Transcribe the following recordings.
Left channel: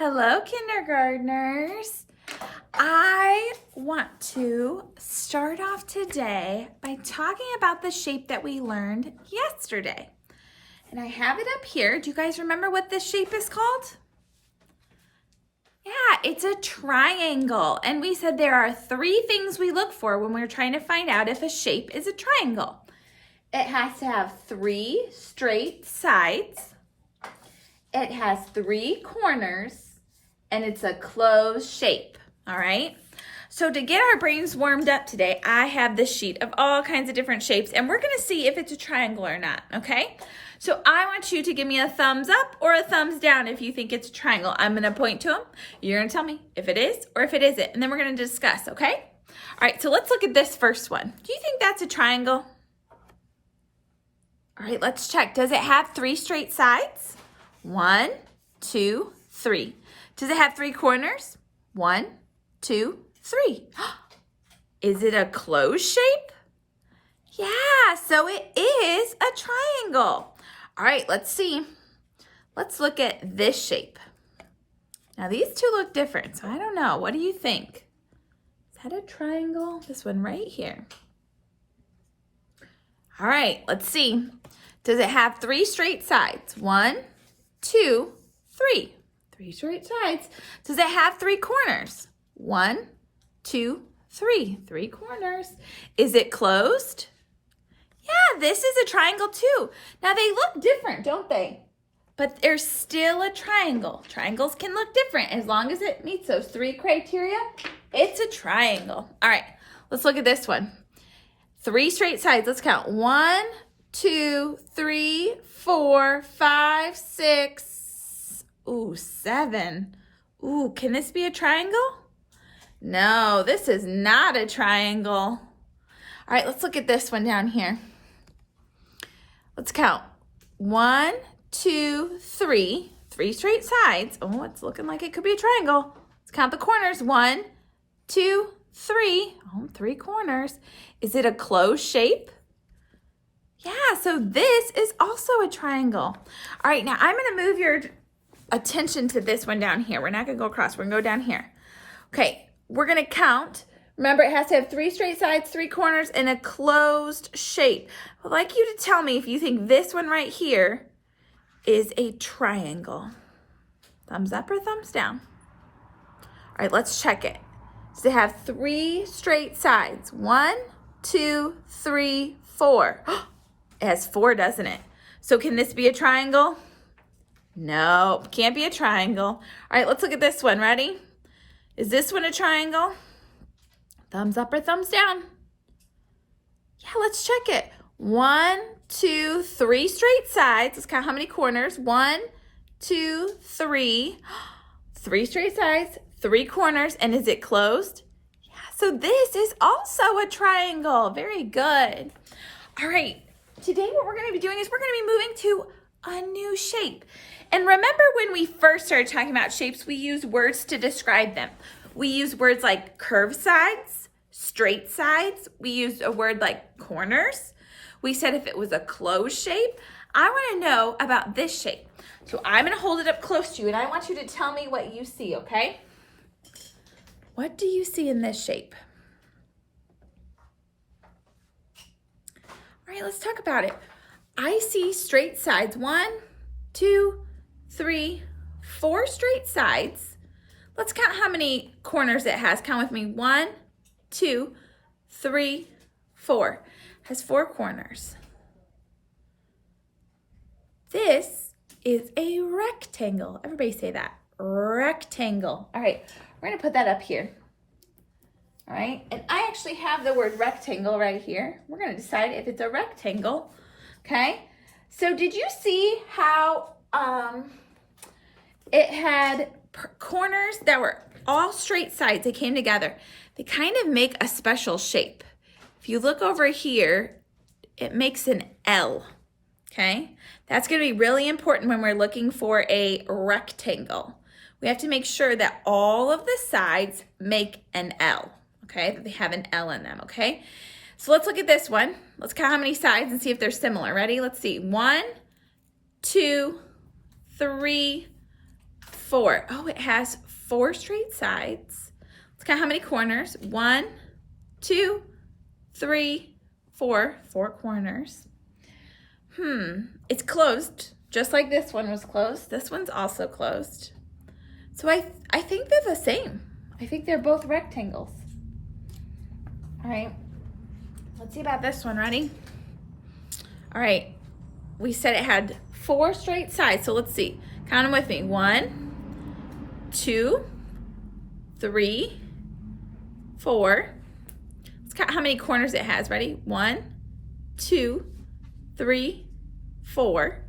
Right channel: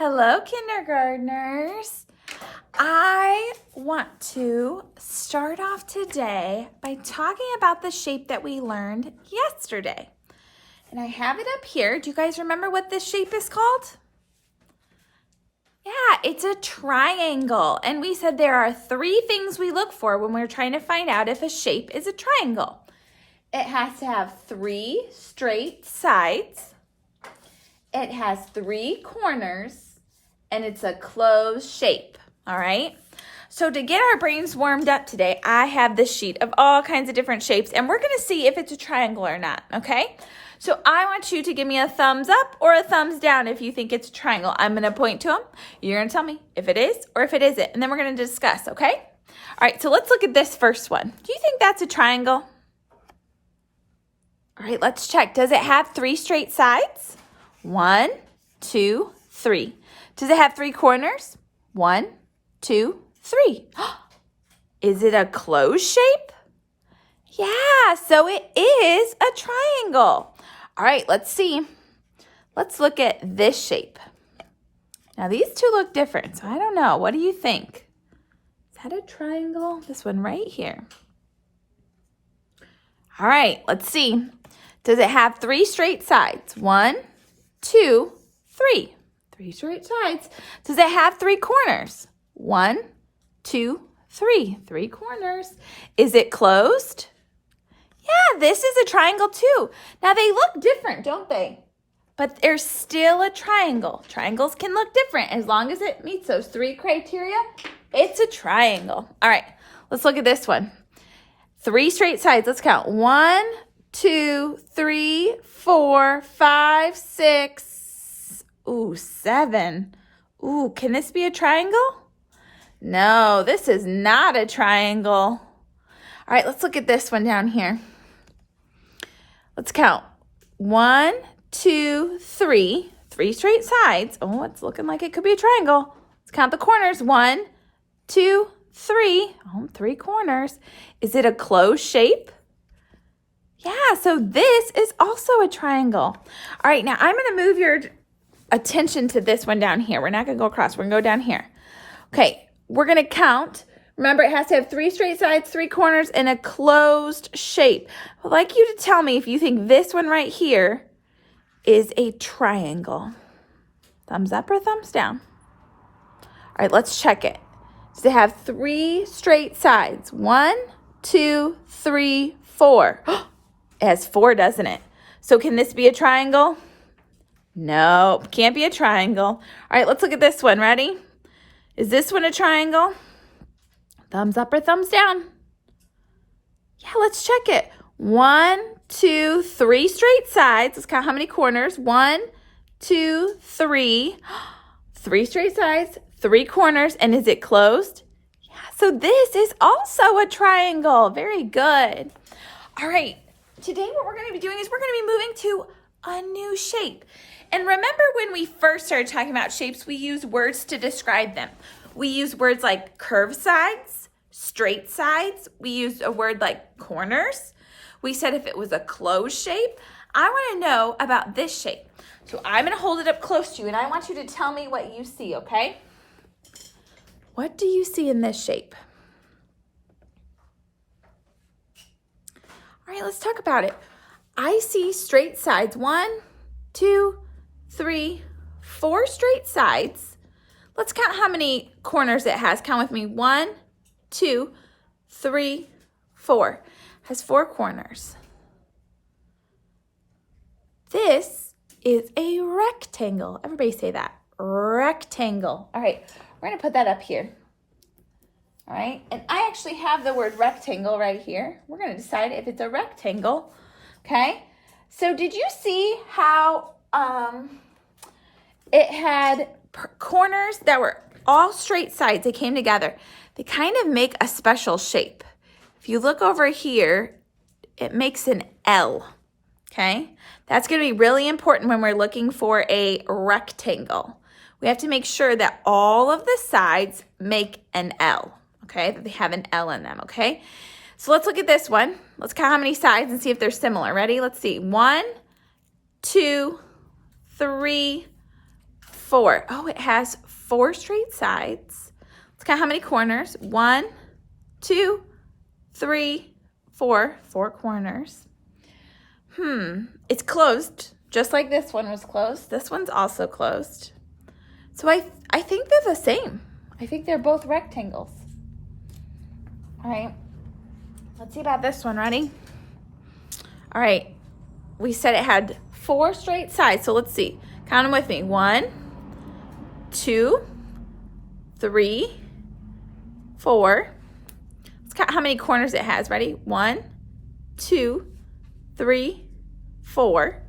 Hello, kindergartners. I want to start off today by talking about the shape that we learned yesterday. And I have it up here. Do you guys remember what this shape is called? Yeah, it's a triangle. And we said there are three things we look for when we're trying to find out if a shape is a triangle. It has to have three straight sides. It has three corners. And it's a closed shape, all right? So to get our brains warmed up today, I have this sheet of all kinds of different shapes, and we're gonna see if it's a triangle or not, okay? So I want you to give me a thumbs up or a thumbs down if you think it's a triangle. I'm gonna point to them. You're gonna tell me if it is or if it isn't, and then we're gonna discuss, okay? All right, so let's look at this first one. Do you think that's a triangle? All right, let's check. Does it have three straight sides? 1, 2, 3. Does it have three corners? 1, 2, 3. Is it a closed shape? Yeah, so it is a triangle. All right, let's see. Let's look at this shape. Now these two look different, so I don't know. What do you think? Is that a triangle? This one right here. All right, let's see. Does it have three straight sides? 1, 2, 3. Three straight sides. Does it have three corners? 1, 2, 3. Three corners. Is it closed? Yeah, this is a triangle too. Now they look different, don't they? But they're still a triangle. Triangles can look different as long as it meets those three criteria. It's a triangle. All right, let's look at this one. Three straight sides. Let's count. 1, 2, 3, 4, 5, 6. Ooh, 7. Ooh, can this be a triangle? No, this is not a triangle. All right, let's look at this one down here. Let's count. 1, 2, 3. Three straight sides. Oh, it's looking like it could be a triangle. Let's count the corners. 1, 2, 3. Oh, three corners. Is it a closed shape? Yeah, so this is also a triangle. All right, now I'm going to move your attention to this one down here. We're not going to go across. We're going to go down here. Okay, we're going to count. Remember, it has to have three straight sides, three corners, and a closed shape. I'd like you to tell me if you think this one right here is a triangle. Thumbs up or thumbs down? All right, let's check it. Does it have three straight sides? 1, 2, 3, 4. It has 4, doesn't it? So can this be a triangle? No, can't be a triangle. All right, let's look at this one. Ready? Is this one a triangle? Thumbs up or thumbs down? Yeah, let's check it. 1, 2, 3 straight sides. Let's count how many corners. 1, 2, 3. 3 straight sides, 3 corners. And is it closed? Yeah, so this is also a triangle. Very good. All right, today what we're going to be doing is we're going to be moving to a new shape. And remember when we first started talking about shapes, we use words to describe them. We use words like curved sides, straight sides. We used a word like corners. We said if it was a closed shape. I want to know about this shape. So I'm going to hold it up close to you, and I want you to tell me what you see, okay? What do you see in this shape? All right, let's talk about it. I see straight sides. 1, 2, 3, 4 straight sides. Let's count how many corners it has. Count with me. 1, 2, 3, 4. It has 4 corners. This is a rectangle. Everybody say that. Rectangle. All right, we're going to put that up here. All right, and I actually have the word rectangle right here. We're going to decide if it's a rectangle. Okay, so did you see how it had corners that were all straight sides? They came together. They kind of make a special shape. If you look over here, it makes an L, okay? That's going to be really important when we're looking for a rectangle. We have to make sure that all of the sides make an L, okay? That they have an L in them, okay? So let's look at this one. Let's count how many sides and see if they're similar. Ready? Let's see. 1, 2, 3, 4. Oh, it has 4 straight sides. Let's count how many corners. 1, 2, 3, 4. 4 corners. It's closed, just like this one was closed. This one's also closed. So I think they're the same. I think they're both rectangles. All right, let's see about this one. Ready? All right, we said it had 4 straight sides. So let's see. Count them with me. 1, 2, 3, 4. Let's count how many corners it has. Ready? 1, 2, 3, 4.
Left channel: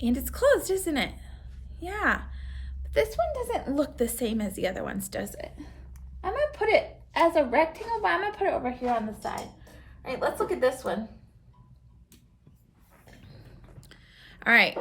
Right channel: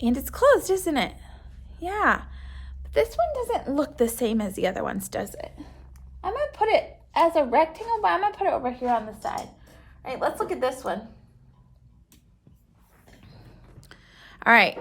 And it's closed, isn't it? Yeah. But this one doesn't look the same as the other ones, does it? I'm going to put it as a rectangle, but I'm going to put it over here on the side. All right, let's look at this one. All right.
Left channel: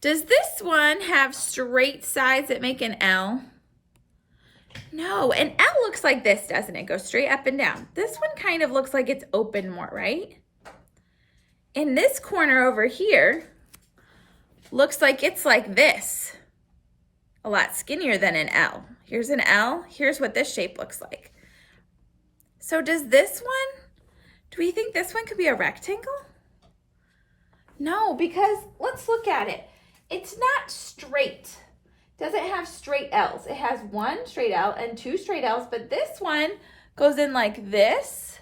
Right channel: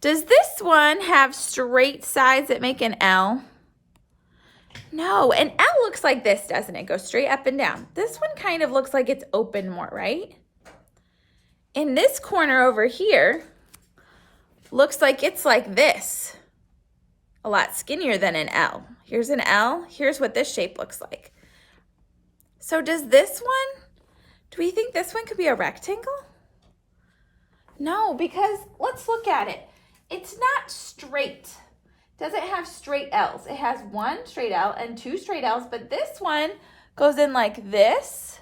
Does this one have straight sides that make an L? No, an L looks like this, doesn't it? Go straight up and down. This one kind of looks like it's open more, right? And this corner over here looks like it's like this. A lot skinnier than an L. Here's an L. Here's what this shape looks like. So does this one, do we think this one could be a rectangle? No, because let's look at it. It's not straight. Doesn't have straight L's. It has 1 straight L and 2 straight L's, but this one goes in like this,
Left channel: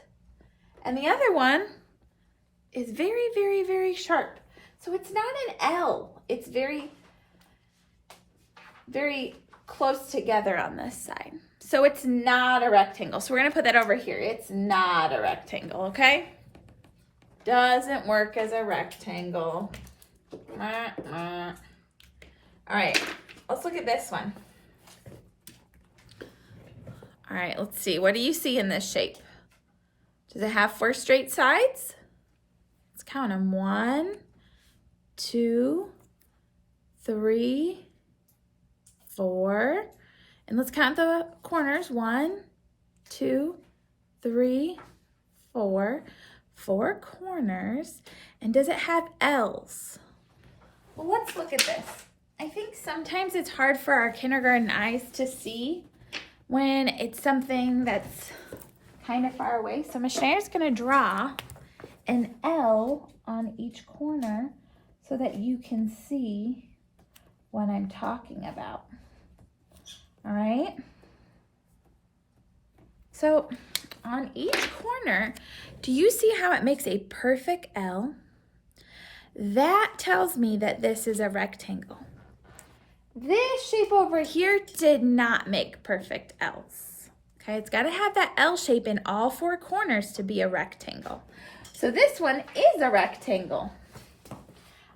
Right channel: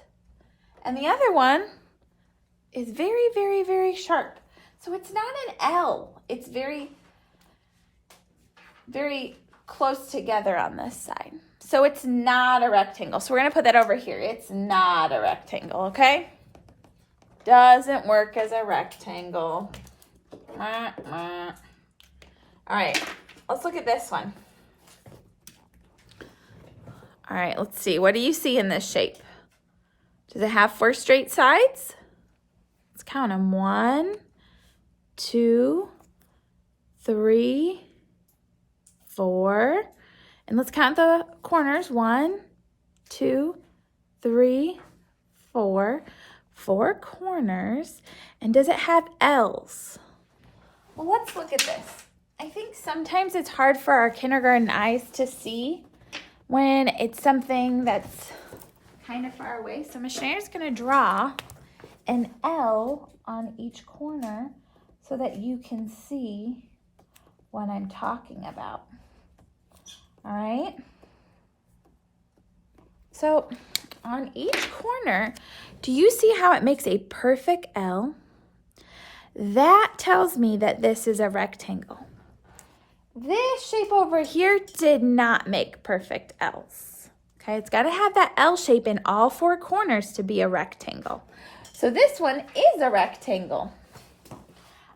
and the other one is very, very, very sharp. So it's not an L. It's very, very close together on this side. So it's not a rectangle. So we're going to put that over here. It's not a rectangle, okay? Doesn't work as a rectangle. All right, let's look at this one. All right, let's see. What do you see in this shape? Does it have 4 straight sides? Let's count them. 1, 2, 3, 4. And let's count the corners. 1, 2, 3, 4. 4 corners. And does it have L's? Well, let's look at this. I think sometimes it's hard for our kindergarten eyes to see when it's something that's kind of far away. So Miss Schneier's going to draw an L on each corner so that you can see what I'm talking about. All right? So on each corner, do you see how it makes a perfect L? That tells me that this is a rectangle. This shape over here did not make perfect L's. Okay, it's got to have that L shape in all 4 corners to be a rectangle. So this one is a rectangle.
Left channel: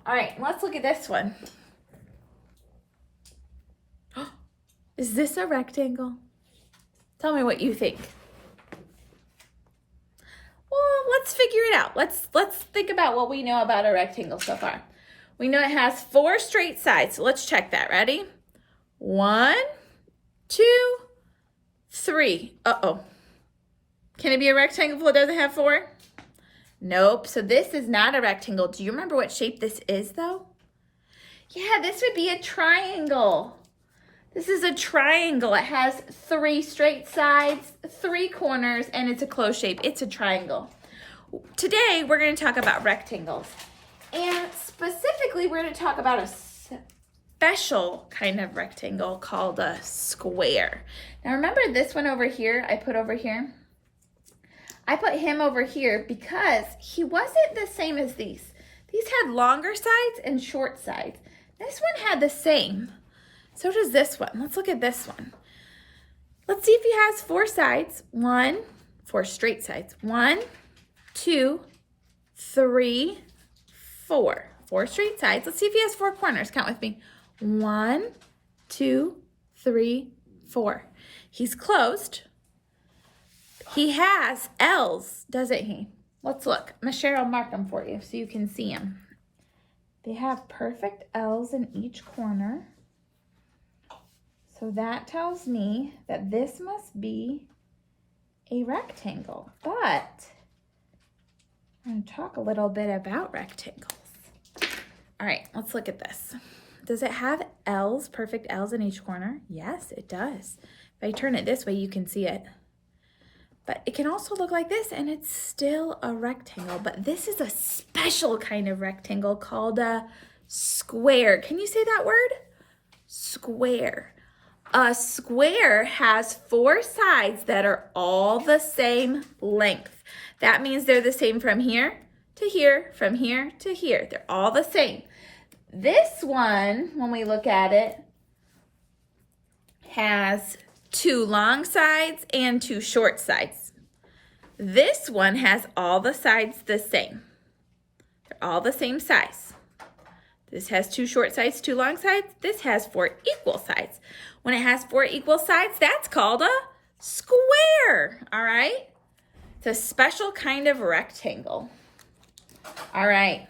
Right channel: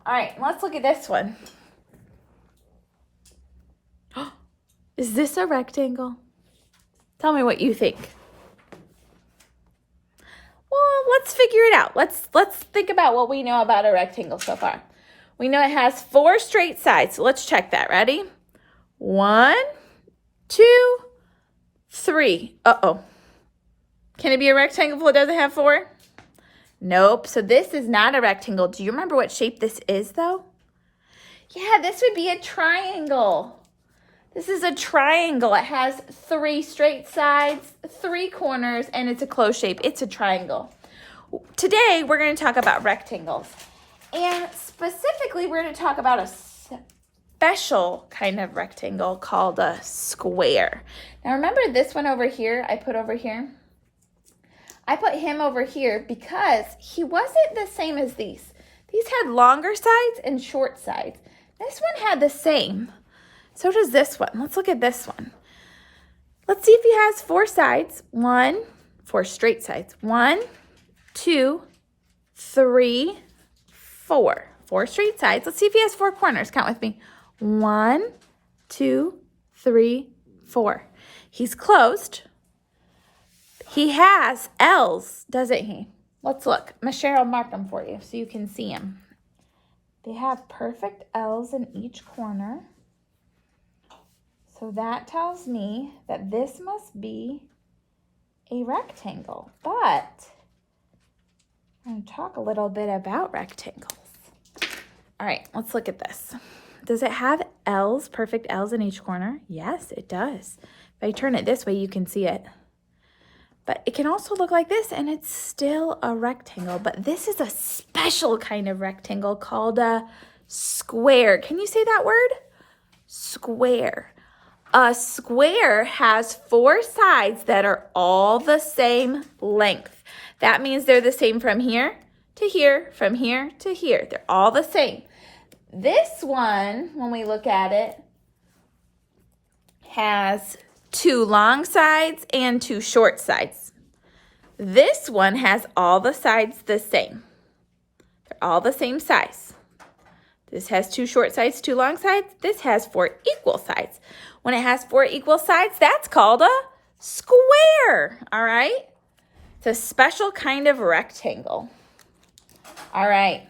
All right, let's look at this one. Is this a rectangle? Tell me what you think. Well, let's figure it out. Let's think about what we know about a rectangle so far. We know it has 4 straight sides, so let's check that. Ready? 1, 2, 3. Uh-oh. Can it be a rectangle if it doesn't have 4? Nope. So this is not a rectangle. Do you remember what shape this is, though? Yeah, this would be a triangle. This is a triangle. It has 3 straight sides, 3 corners, and it's a closed shape. It's a triangle. Today, we're going to talk about rectangles. And specifically, we're going to talk about a special kind of rectangle called a square. Now, remember this one over here I put over here? I put him over here because he wasn't the same as these. These had longer sides and short sides. This one had the same. So does this one. Let's look at this one. Let's see if he has 4 sides. 4 straight sides. 1, 2, 3, 4. 4 straight sides. Let's see if he has 4 corners. Count with me. 1, 2, 3, 4. He's closed. He has L's, doesn't he? Let's look. Miss Cheryl will mark them for you so you can see them. They have perfect L's in each corner. So that tells me that this must be a rectangle. But I'm going to talk a little bit about rectangles. All right, let's look at this. Does it have L's, perfect L's in each corner? Yes, it does. If I turn it this way, you can see it. But it can also look like this, and it's still a rectangle. But this is a special kind of rectangle called a square. Can you say that word? Square. A square has 4 sides that are all the same length. That means they're the same from here to here, from here to here. They're all the same. This one, when we look at it, has 2 long sides and 2 short sides. This one has all the sides the same. They're all the same size. This has 2 short sides, 2 long sides. This has 4 equal sides. When it has 4 equal sides, that's called a square, all right? It's a special kind of rectangle. All right,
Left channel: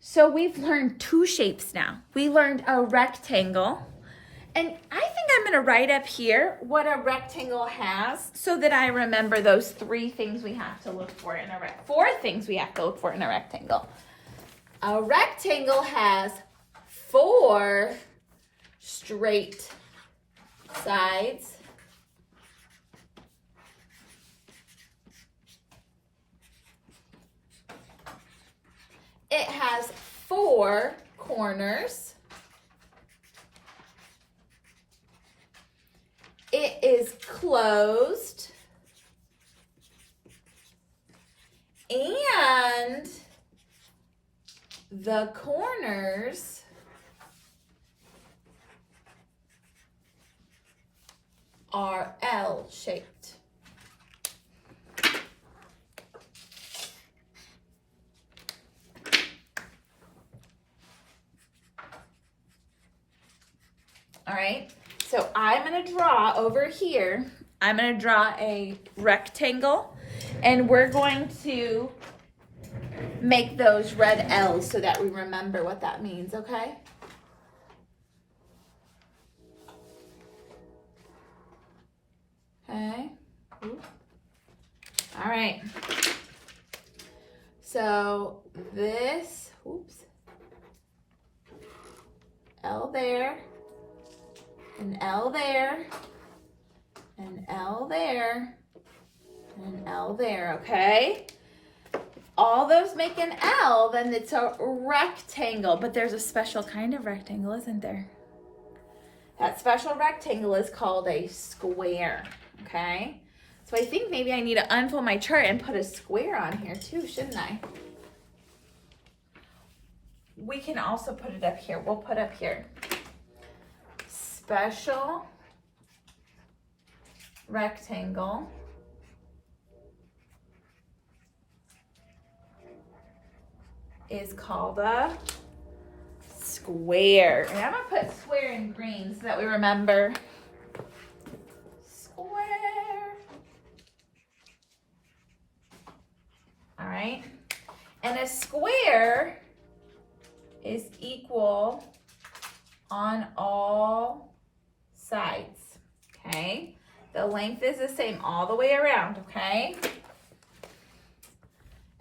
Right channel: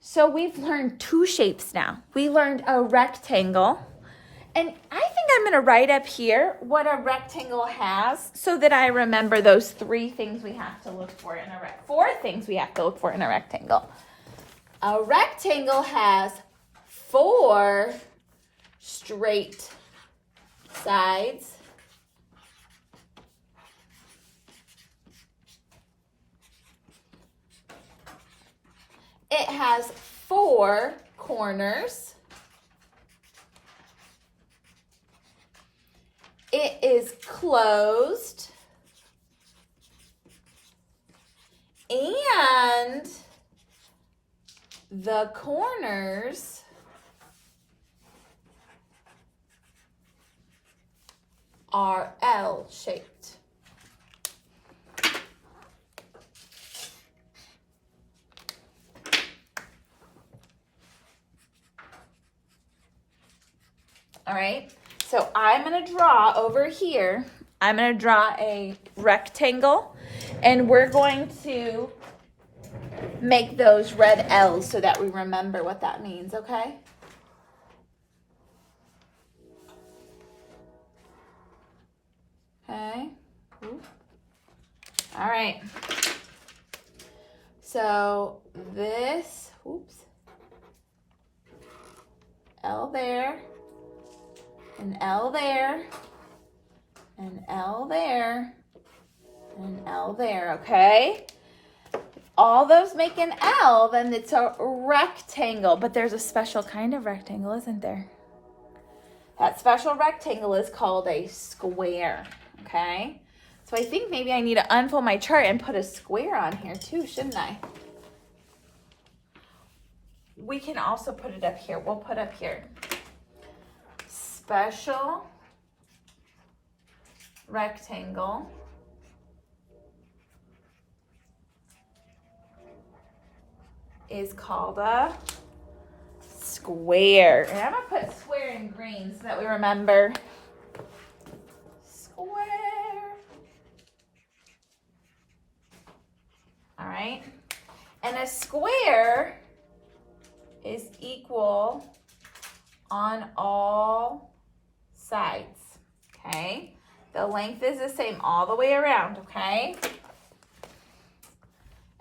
so we've learned 2 shapes now. We learned a rectangle, and I think I'm gonna write up here what a rectangle has so that I remember those 3 things we have to look for in a 4 things we have to look for in a rectangle. A rectangle has 4 straight sides. It has 4 corners. It is closed. And the corners are L-shaped. All right, so I'm gonna draw over here, I'm gonna draw a rectangle, and we're going to make those red L's so that we remember what that means, okay? Okay. Ooh. All right. So this, oops, L there, an L there, an L there, and an L there, okay? If all those make an L, then it's a rectangle, but there's a special kind of rectangle, isn't there? That special rectangle is called a square, okay? So I think maybe I need to unfold my chart and put a square on here too, shouldn't I? We can also put it up here. We'll put up here. Special rectangle is called a square. And I'm gonna put square in green so that we remember. Square. All right. And a square is equal on all sides, okay? The length is the same all the way around, okay?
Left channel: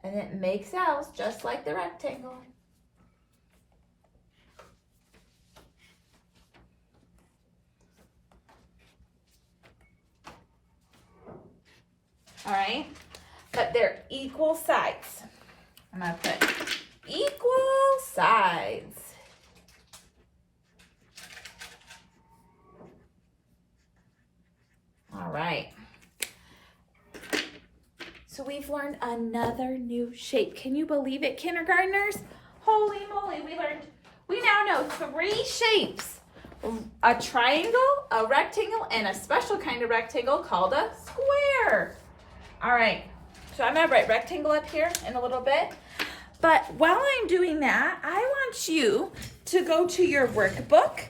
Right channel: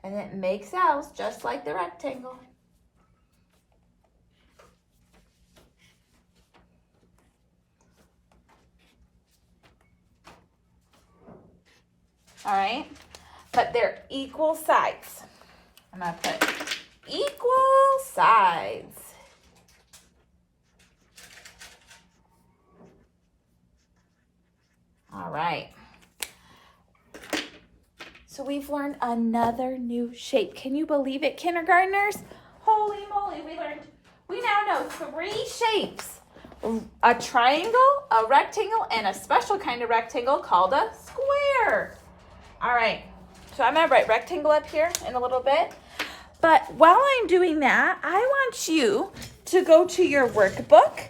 And it makes L's just like the rectangle. All right, but they're equal sides. I'm gonna put equal sides. All right. So we've learned another new shape. Can you believe it, kindergartners? Holy moly, we now know 3 shapes. A triangle, a rectangle, and a special kind of rectangle called a square. All right, so I'm gonna write rectangle up here in a little bit. But while I'm doing that, I want you to go to your workbook,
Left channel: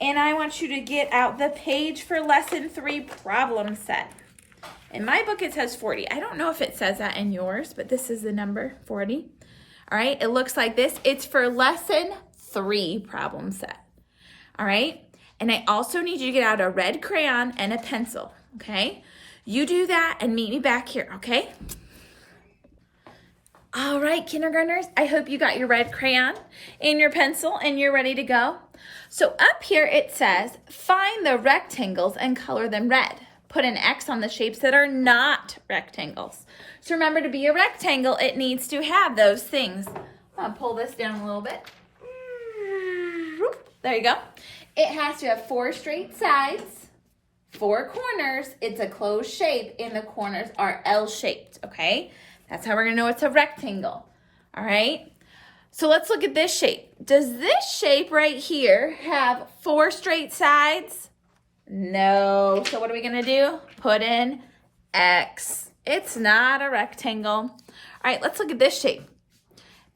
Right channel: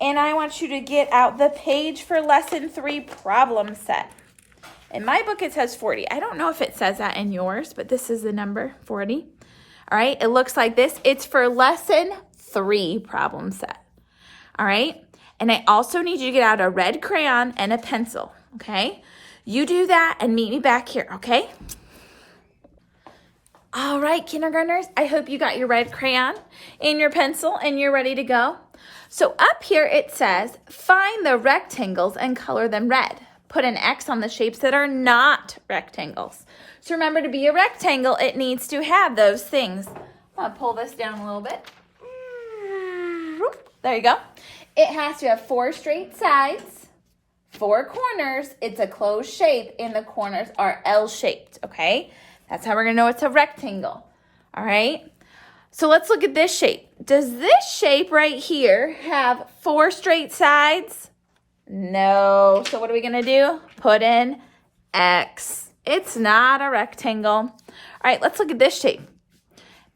and I want you to get out the page for lesson 3 problem set. In my book, it says 40. I don't know if it says that in yours, but this is the number 40. All right, it looks like this. It's for lesson 3 problem set. All right, and I also need you to get out a red crayon and a pencil, okay? You do that and meet me back here, okay? All right, kindergartners, I hope you got your red crayon and your pencil and you're ready to go. So up here it says, find the rectangles and color them red. Put an X on the shapes that are not rectangles. So remember, to be a rectangle, it needs to have those things. I'll pull this down a little bit. There you go. It has to have 4 straight sides, 4 corners. It's a closed shape, and the corners are L-shaped, okay? That's how we're going to know it's a rectangle, all right? So let's look at this shape. Does this shape right here have 4 straight sides? No. So what are we going to do? Put in X. It's not a rectangle. All right, let's look at this shape.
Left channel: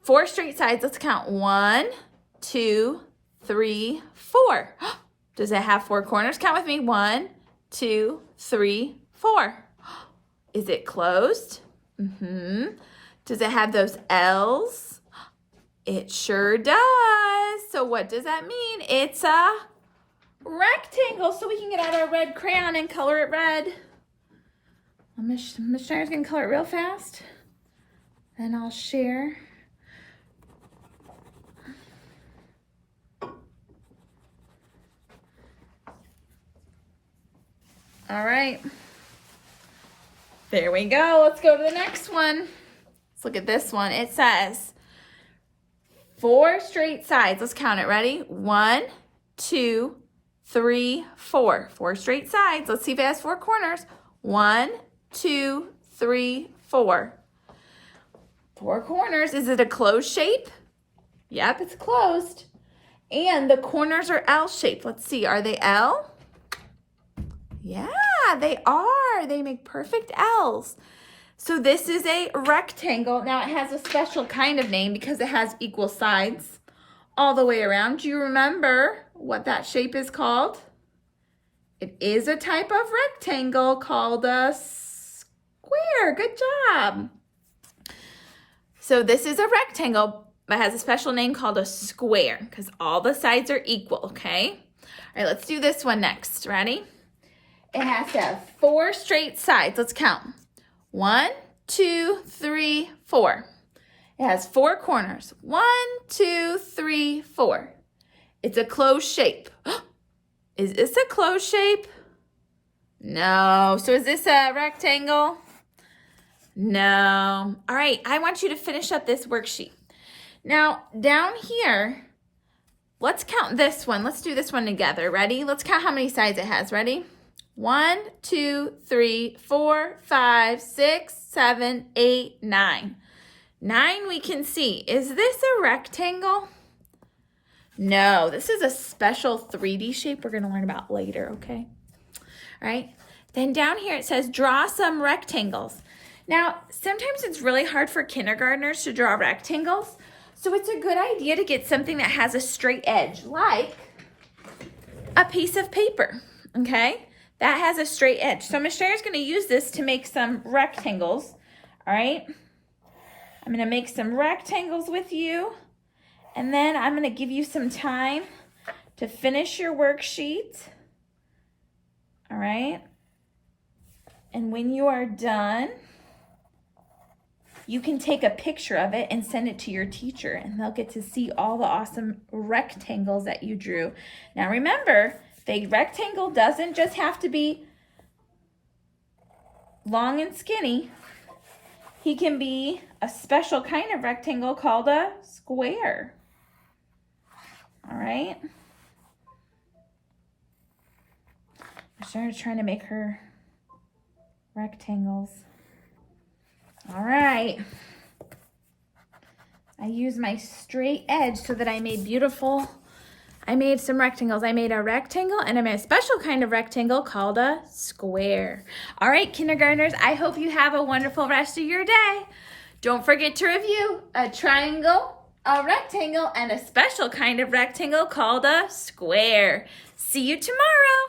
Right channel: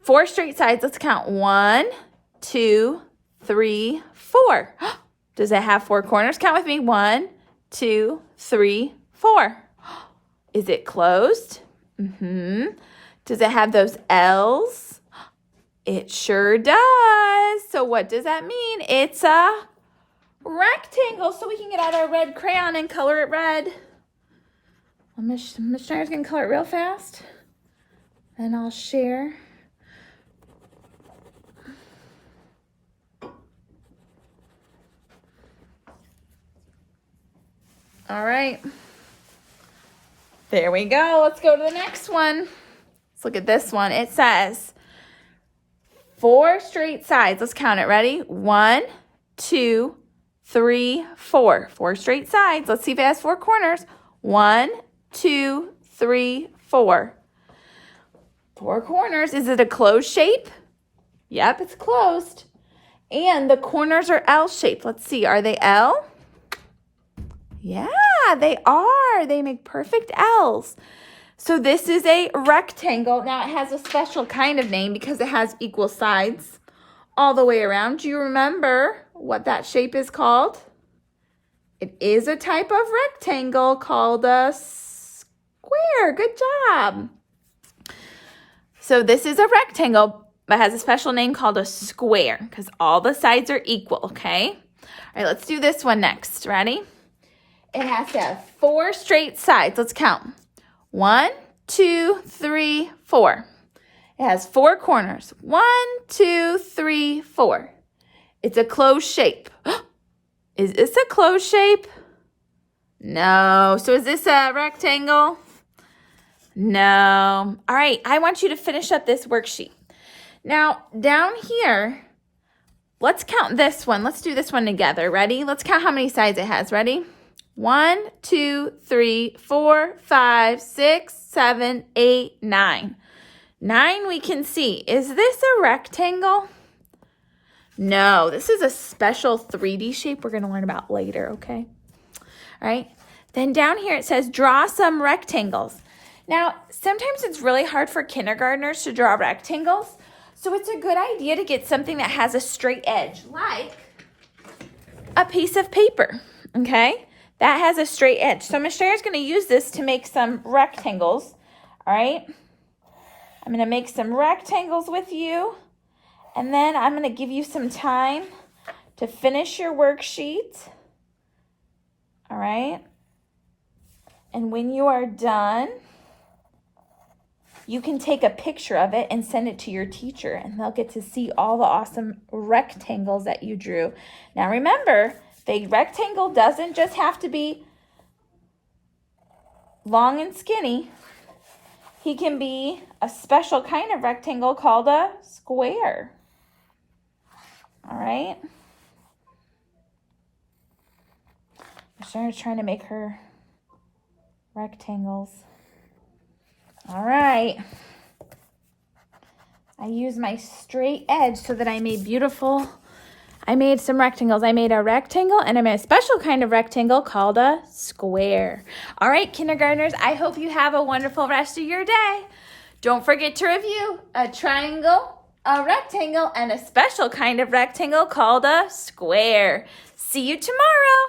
4 straight sides. Let's count. 1, 2, 3, 4. Does it have 4 corners? Count with me. 1, 2, 3, 4. Is it closed? Does it have those L's? It sure does. So what does that mean? It's a rectangle. So we can get out our red crayon and color it red. Miss Schneider's going to color it real fast. And I'll share. All right. There we go. Let's go to the next one. Let's look at this one. It says 4 straight sides. Let's count it. Ready? 1, 2, 3, 4. 4 straight sides. Let's see if it has 4 corners. 1, 2, 3, 4. 4 corners. Is it a closed shape? Yep, it's closed. And the corners are L-shaped. Let's see. Are they L? Yeah, they are. They make perfect L's. So this is a rectangle. Now it has a special kind of name because it has equal sides all the way around. Do you remember what that shape is called? It is a type of rectangle called a square. Good job. So this is a rectangle, but has a special name called a square because all the sides are equal, okay? All right, let's do this one next. Ready? It has to have 4 straight sides. Let's count. 1, 2, 3, 4. It has 4 corners. 1, 2, 3, 4. It's a closed shape. Is this a closed shape? No. So is this a rectangle? No. All right, I want you to finish up this worksheet. Now, down here, let's count this one. Let's do this one together. Ready? Let's count how many sides it has. Ready? 1, 2, 3, 4, 5, 6, 7, 8, 9. 9 we can see. Is this a rectangle? No, this is a special 3D shape we're going to learn about later, okay? All right. Then down here it says draw some rectangles. Now, sometimes it's really hard for kindergartners to draw rectangles, so it's a good idea to get something that has a straight edge, like a piece of paper, okay? That has a straight edge. So Miss Sherry's going to use this to make some rectangles, all right? I'm going to make some rectangles with you, and then I'm going to give you some time to finish your worksheet, all right? And when you are done, you can take a picture of it and send it to your teacher, and they'll get to see all the awesome rectangles that you drew. Now remember, the rectangle doesn't just have to be long and skinny. He can be a special kind of rectangle called a square. All right? I'm starting trying to make her rectangles. All right. I used my straight edge so that I made some rectangles. I made a rectangle, and I made a special kind of rectangle called a square. All right, kindergartners, I hope you have a wonderful rest of your day. Don't forget to review a triangle, a rectangle, and a special kind of rectangle called a square. See you tomorrow.